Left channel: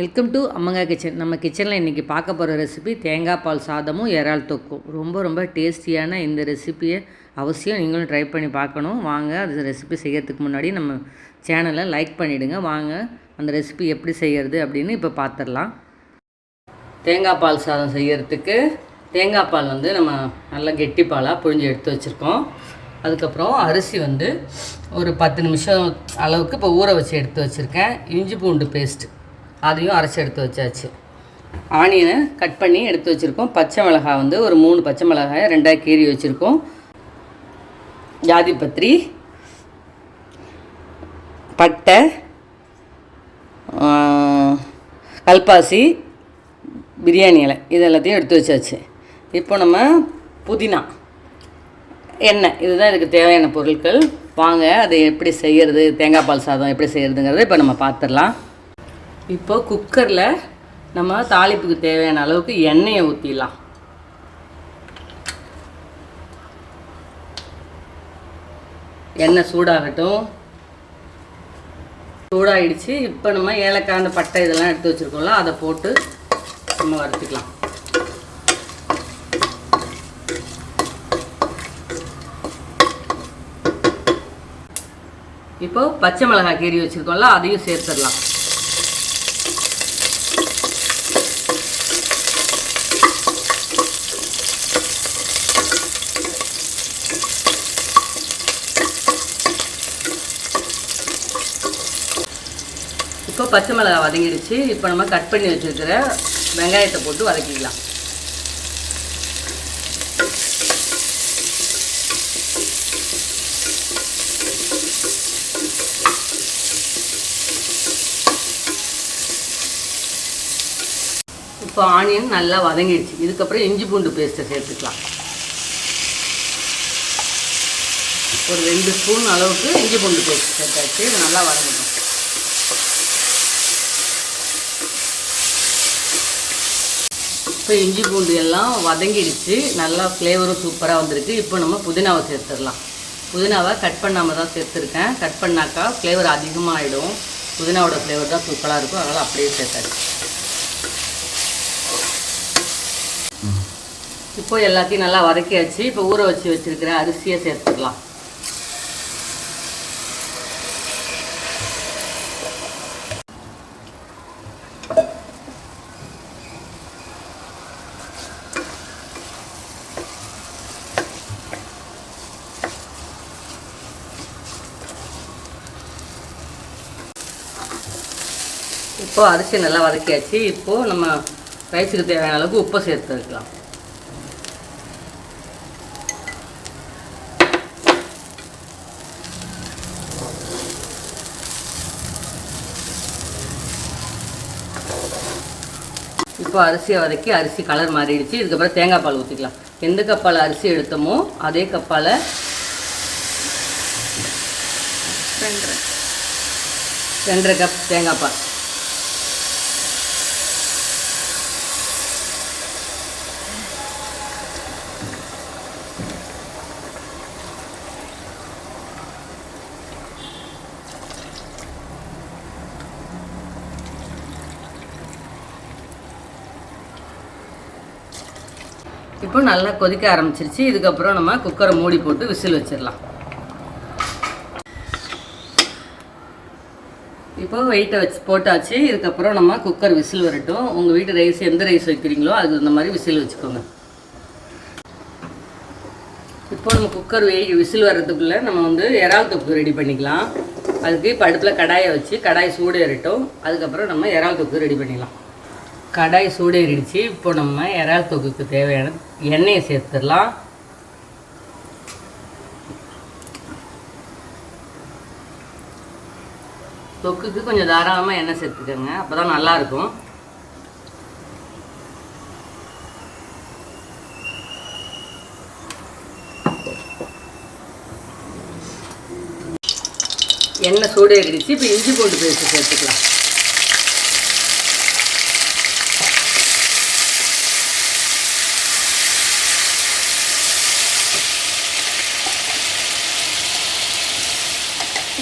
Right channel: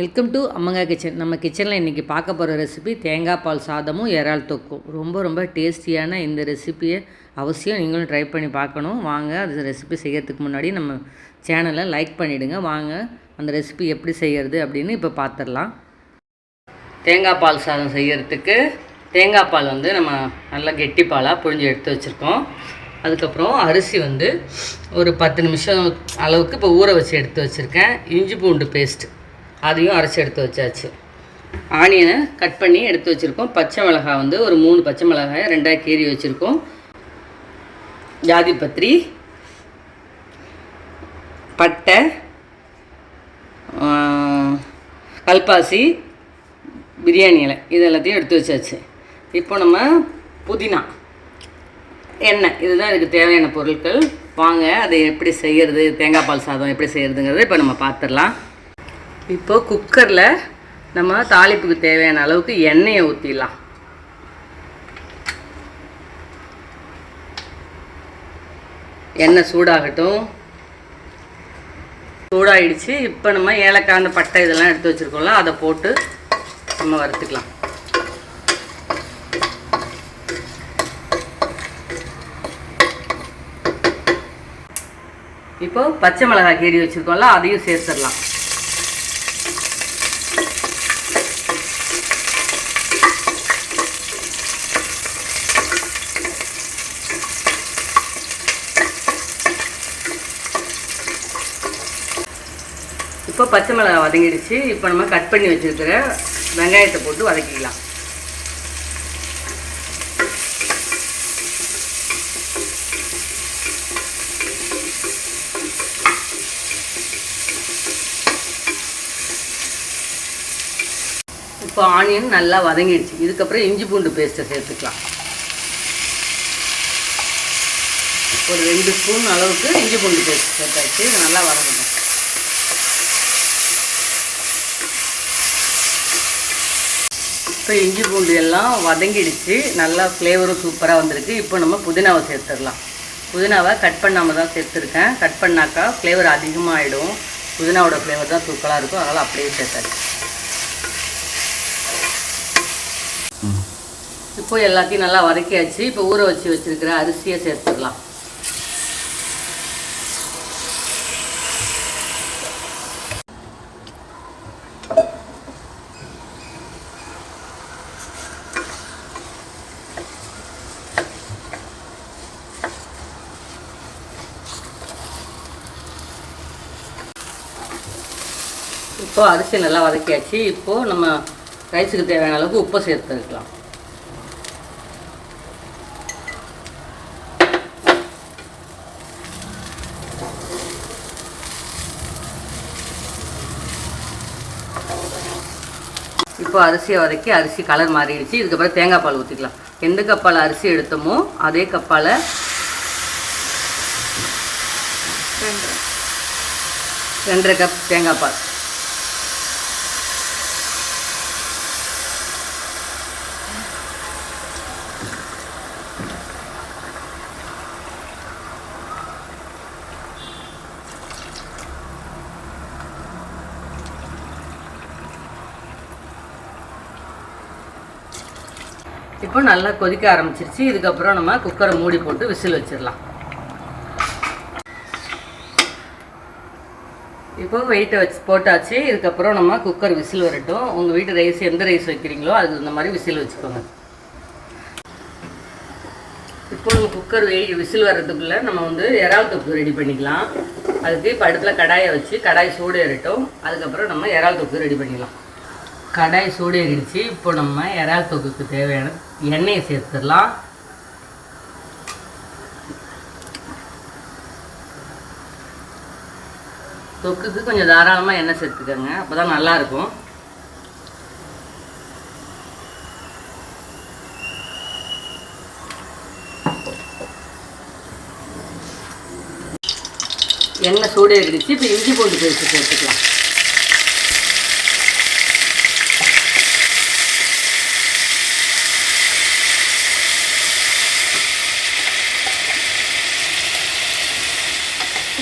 Welcome to அம்மங்கா kitchen. நம்ம கிச்சனில் இன்றைக்கி பார்க்க போகிற ரெசிபி தேங்காய் பால் சாதமும் இறால் தொக்கும். ரொம்ப டேஸ்டியான இந்த ரெசிப்பியை அவசியம் நீங்களும் ட்ரை பண்ணி பார்க்கணும். வாங்க அது ரெசிபி செய்கிறதுக்கு முன்னாடி நம்ம சேனலை லைக் பண்ணிவிடுங்க. வாங்க அந்த ரெசிபி எப்படி செய்கிறது அப்படின்னு இப்போ பார்த்துடலாம். தேங்காய் பால் சாதம் செய்கிறதுக்கு தேங்காய் பால் நம்ம நல்லா கெட்டி பாலாக புழிஞ்சு எடுத்து வச்சுருக்கோம். அதுக்கப்புறம் அரிசி ஒரு 10 நிமிஷம் அளவுக்கு இப்போ ஊற வச்சு எடுத்து வச்சுருக்கேன். இஞ்சி பூண்டு பேஸ்ட்டு அதையும் அரைச்சி எடுத்து வச்சாச்சு. ஆனியனை கட் பண்ணி எடுத்து வச்சுருக்கோம். பச்சை மிளகாய் ஒரு 3 பச்சை மிளகாயை 2ஆக கீறி வச்சுருக்கோம். ஜாதிபத்திரி, பட்டை, கல்பாசி, பிரியாணி இலை இது எல்லாத்தையும் எடுத்து வச்சாச்சு. இப்போ நம்ம புதினா, எண்ணெய் இதுதான் இதுக்கு தேவையான பொருட்கள். வாங்க அதை எப்படி செய்கிறது, தேங்காய் பால் சாதம் எப்படி செய்கிறதுங்கிறத இப்போ நம்ம பார்த்துடலாம். இப்போ குக்கரில் நம்ம தாளிப்புக்கு தேவையான அளவுக்கு எண்ணெயை ஊற்றிடலாம். எண்ணெய் சூடாகட்டும். சூடாகிடுச்சு. இப்போ நம்ம ஏலக்காய், அந்த பட்டை இதெல்லாம் எடுத்து வச்சுருக்கோம்ல, அதை போட்டு நம்ம வறுத்துக்கலாம். இப்போ பச்சை மிளகாய் கீறி வச்சுருக்கோம்ல, அதையும் சேர்த்துடலாம். இப்போ பச்சை மிளகாய் வதங்கிடுச்சு. இப்போ நம்ம கட் பண்ணி வச்சுருக்கிற வெங்காயத்தை போட்டு வதக்கிக்கலாம். இப்போ ஆனியன் நல்லா வதங்கிடுச்சு. இதுக்கப்புறம் இஞ்சி பூண்டு பேஸ்ட்டை சேர்த்துக்கலாம். ஒரு 2 ஸ்பூன் அளவுக்கு இஞ்சி பூண்டு பேஸ்ட் சேர்த்தாச்சு. நல்லா வதங்கணும். இப்போ இஞ்சி பூண்டு எல்லாம் வதங்கிடுச்சு. நல்லா ஃப்ளேவரும் சூப்பராக வந்திருக்கு. இப்போ நம்ம புதினாவை சேர்த்துடலாம். புதினாவை கட் பண்ணாமல் தான் சேர்த்துருக்கேன். கட் பண்ணாக்கா ஃப்ளேவர் அதிகமாகிடும். புதினாவோட ஃப்ளேவர் தான் சூப்பராக இருக்கும். அதனால் அப்படியே சேர்த்தாச்சு. இப்போ எல்லாத்தையும் நல்லா வதக்கியாச்சு. இப்போ ஊற வச்சு வச்சுருக்கிற அரிசியை சேர்த்துடலாம். இப்போது அரிசி நல்லா வதக்கியாச்சு. இப்போது நம்ம ரைஸுக்கு தேவையான அளவுக்கு உப்பை சேர்த்துக்கலாம். இப்போ அரிசியை வதக்கி அரிசி கலர் மாறிடுச்சு. இதுக்கப்புறம் தேங்காய் பால் ஊற்றிக்கலாம். எந்த கப்பால் அரிசி எடுத்தோமோ அதே கப்பால் 2.5 கப் தேங்காய் பால். இப்போ நல்லா கொதிக்க ஆரம்பிச்சிருச்சு. இதுக்கப்புறம் நம்ம குக்கரை மூடி போட்டு விசில் வச்சிடலாம். இப்போ வெயிட்டை வச்சு போட்டாச்சு. இதுக்கப்புறம் நம்ம குக்கர் விசில் வரட்டும். உங்கள் வீட்டு ரைஸ் எந்த ரைஸ் வைக்கிறீங்களோ அது இந்த மாதிரி விசில் வச்சுக்கோங்க. இப்போ நம்ம குக்கர் விசில் வர்றதுக்குள்ளே நம்ம இறால் தொக்கு ரெடி பண்ணிக்கலாம். அதுக்கு இப்போ அடுப்பில் கடாயை வச்சு கடாய் சூடு ஏறட்டும். அதுக்கப்புறம் நம்ம இறால் தொக்கு ரெடி பண்ணிக்கலாம். கடாய் சூடு ஏறிடுச்சு. இப்போ நம்ம இறால் தொக்குக்கு தேவையான எண்ணெயை சேர்த்துடலாம். தொக்குக்கு கொஞ்சம் தாராளமாக எண்ணெய் சேர்த்துக்கோங்க, அப்போ தான் நல்லாயிருக்கும். எண்ணெய் சூடு ஏறிடுச்சு. இப்போ இஞ்சி பூண்டு பேஸ்ட்டு சேர்த்துக்கலாம்.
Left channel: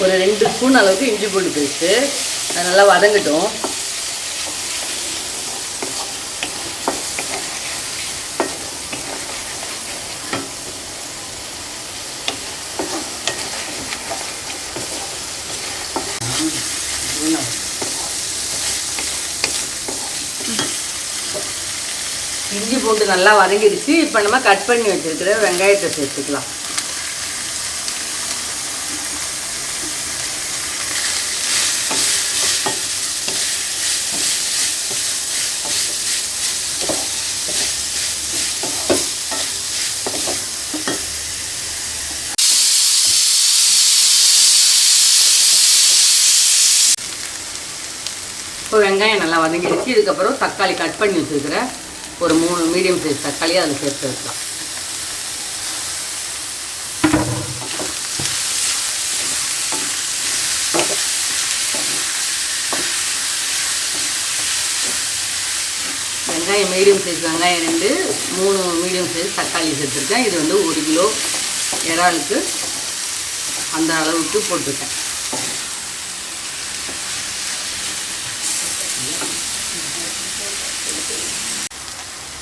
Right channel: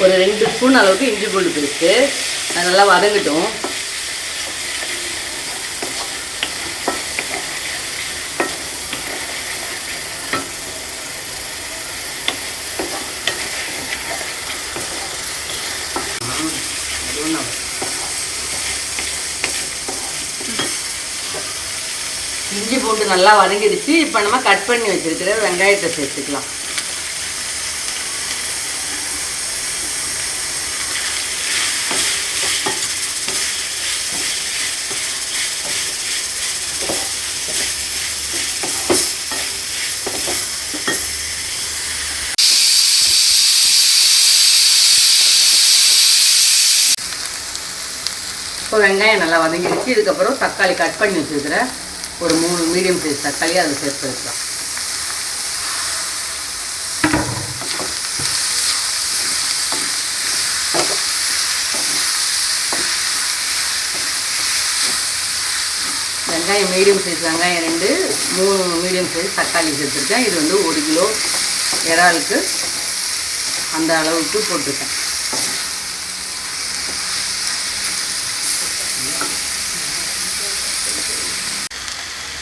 ஒரு 2 ஸ்பூன் அளவுக்கு இஞ்சி பூண்டு பேஸ்ட்டு. அது நல்லா வதங்கட்டும். இஞ்சி பூண்டு நல்லா வதங்கிடுச்சு. இப்போ நம்ம கட் பண்ணி வச்சுருக்கிற வெங்காயத்தை சேர்த்துக்கலாம். இப்போ வெங்காயம் நல்லா வதங்கிடுச்சு. இதுக்கப்புறம் தக்காளி கட் பண்ணி வச்சுருக்கிற ஒரு 3 மீடியம் சைஸ் தக்காளி அதில் சேர்த்து வைக்கலாம். வெங்காயம் மீடியம் சைஸ் வெங்காயம் 2, 3 மீடியம் சைஸ் தக்காளி சேர்த்துருக்கேன். இது வந்து 1 கிலோ இறாலுக்கு அந்த அளவுக்கு போட்டிருக்கேன்.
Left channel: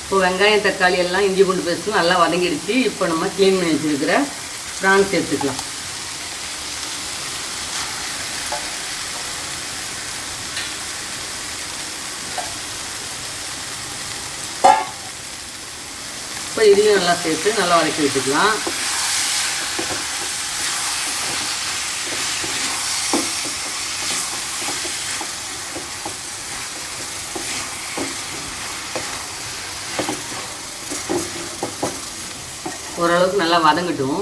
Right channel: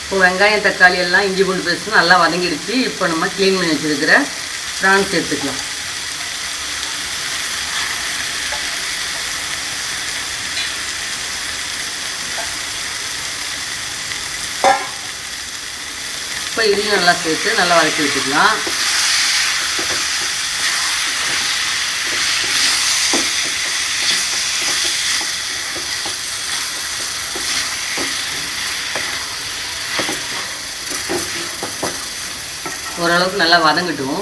இப்போ வெங்காயம் தக்காளி எல்லாம் இஞ்சி பூண்டு பேஸ்ட்டு நல்லா வதங்கிடுச்சு. இப்போ நம்ம க்ளீன் பண்ணி வச்சுருக்கிற ப்ரான் சேர்த்துக்கலாம். இப்போ இதையும் நல்லா சேர்த்து நல்லா வதக்கி வச்சுக்கலாம். ஓரளவுக்கு நல்லா வதங்கட்டும்.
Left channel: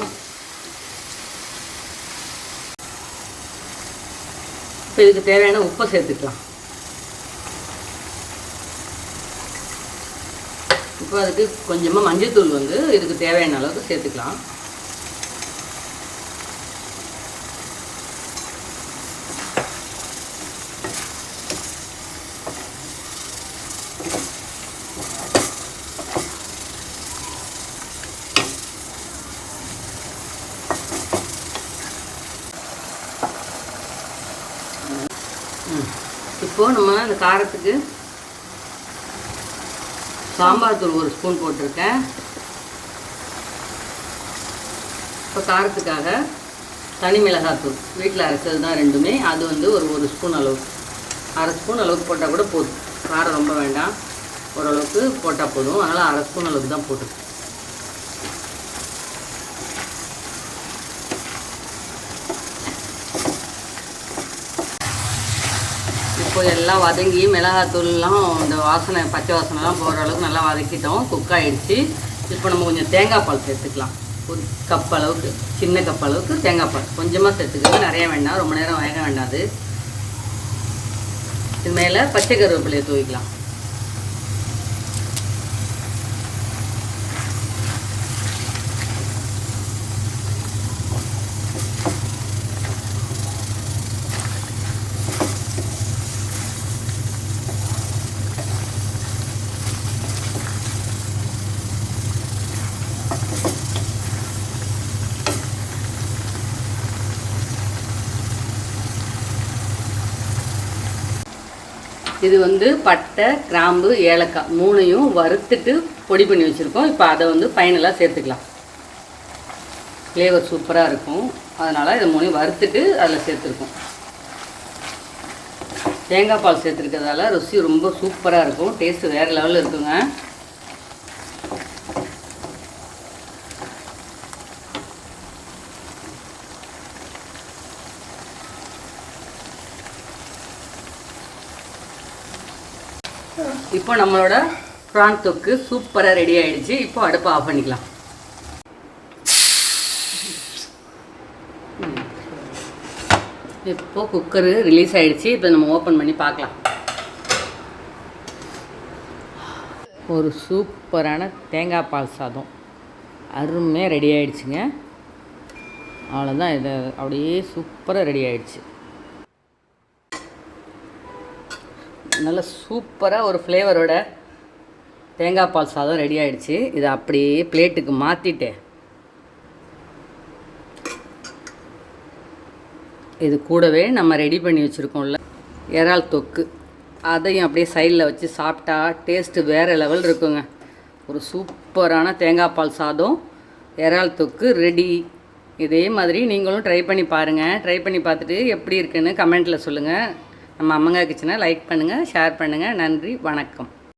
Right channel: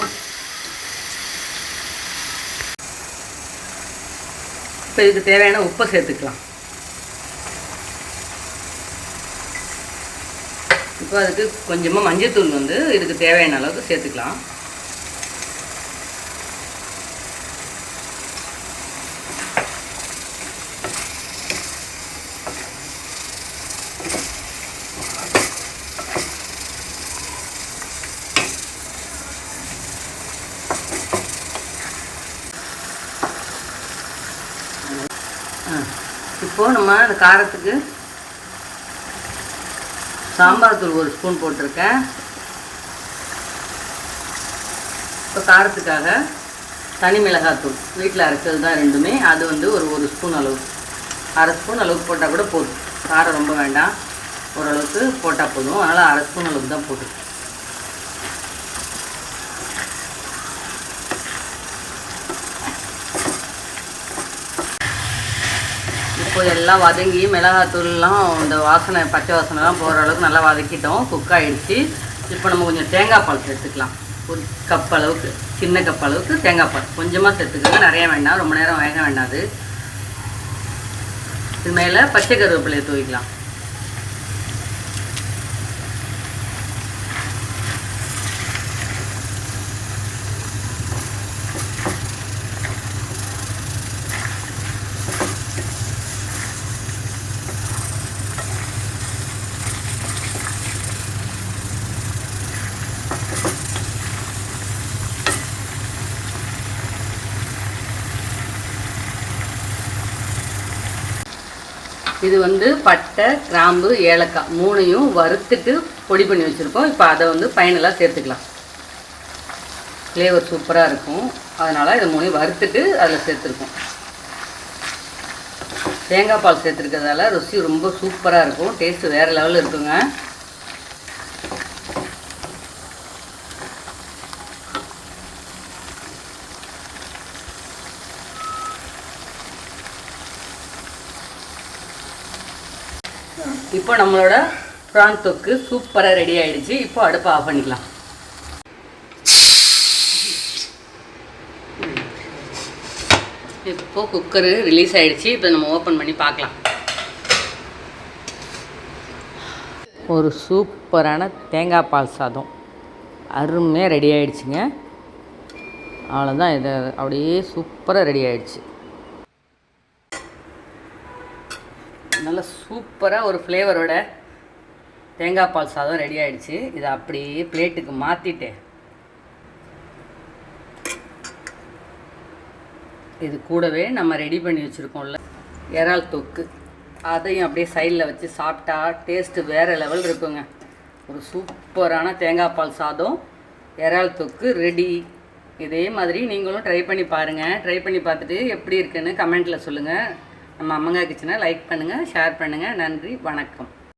இப்போ இதுக்கு தேவையான உப்பை சேர்த்துக்கலாம். இப்போ அதுக்கு கொஞ்சமாக மஞ்சள்தூள் வந்து இதுக்கு தேவையான அளவுக்கு சேர்த்துக்கலாம். இப்போது நம்ம அந்த காரத்துக்கு சாம்பார் தூள் 1 ஸ்பூன் போட்டிருக்கேன். இப்போ காரத்துக்காக தனி மிளகாத்தூள் வீட்டில் அரைச்சது தான் 2மே. அது வந்து ஒரு ஸ்பூன் அளவுக்கு, 1/2 ஸ்பூன் அளவுக்கு போட்டால் கூட போதும். காரம் ரொம்ப வேண்டாம், ஓரளவுக்கு போட்டால் போதும். அதனால் 1/2 ஸ்பூன் அளவுக்கு தான் போட்டுருக்கேன். இப்போ எல்லாம் வதங்கி மிளகாத்தூள்லாம் இந்த வாசனை பச்சை வாசனைலாம் போகிற அளவுக்கு நல்லா வதக்கிட்டோம். குக் ஆகிடுச்சு. இப்போ நம்ம கொஞ்சம் தேங்காய் பால் சேர்த்துக்கலாம். 1 கப் அளவுக்கு, சின்ன கப் அளவுக்கு தேங்காய் பால் கொஞ்சமாக சேர்த்துக்கோங்க, நிறைய வேண்டாம், ரொம்ப நேரம் வேக வேண்டாது. இது மேலே பச்சை கருவேப்பிலையை தூவிக்கலாம். இது வந்து பட்டை, கிராம்பு, ஏலக்காய் 3யும் வறுத்துட்டு பொடி பண்ணி வச்சுருக்கோம். இப்போ அதை வந்து ஃபைனலாக சேர்த்துக்கலாம். ஃப்ளேவர் சூப்பராக இருக்கும். அதனால் இதை 3யும் வறுத்துட்டு அதில் சேர்த்துருக்கோம். தேங்காய் பால் சேர்த்துருக்கிறதால ருசி ரொம்ப சூப்பராக இருக்கும். டேஸ்ட்டு வேறு லெவலில் இருக்குங்க. இப்போ நம்மளோட ப்ரான் தொக்கு சூப்பராக ரெடி ஆகிடுச்சு. இப்போ அடுப்பை ஆஃப் பண்ணிக்கலாம். இப்போ குக்கரு ரிலீஸ் ஆகிடுச்சு. இப்போ நம்ம ஓப்பன் பண்ணி பார்க்கலாம். ஒரு சூப்பரான தேங்காய் பால் சாதம் அருமையாக ரெடி ஆகிடுச்சுங்க. அவ்வளோதான், இது அப்படியே சூப்பராக ரெடி ஆகிடுச்சு. நல்ல சூப்பராக ஒரு ஃப்ளேவரோட தேங்காய் பால் சாதம் ரெடி ஆகிடுச்சு. இதை அப்படியே பிளேட்டுக்கு மாற்றிட்டு இது கூடவே நம்ம ரெடி பண்ணி வச்சுருக்கோம்ல இறால் தொக்கு, அதையும் அப்படியே சைடில் வச்சு சாப்பிட்டா டேஸ்ட்டு வேறு லெவல் இருக்குங்க. ஒரு சூப்பரான தேங்காய் பால் சாதம், இறால் தொக்கு ரெடி. இதே மாதிரி நீங்களும் ட்ரை பண்ணி பாருங்கள். ட்ரை பண்ணி பார்த்துட்டு எப்படி இருக்குன்னு கமெண்ட்டில் சொல்லுங்கள். நம்ம அம்மங்கா கிச்சனை லைக் பண்ணுங்கள், ஷேர் பண்ணுங்கள். நன்றி, வணக்கம்.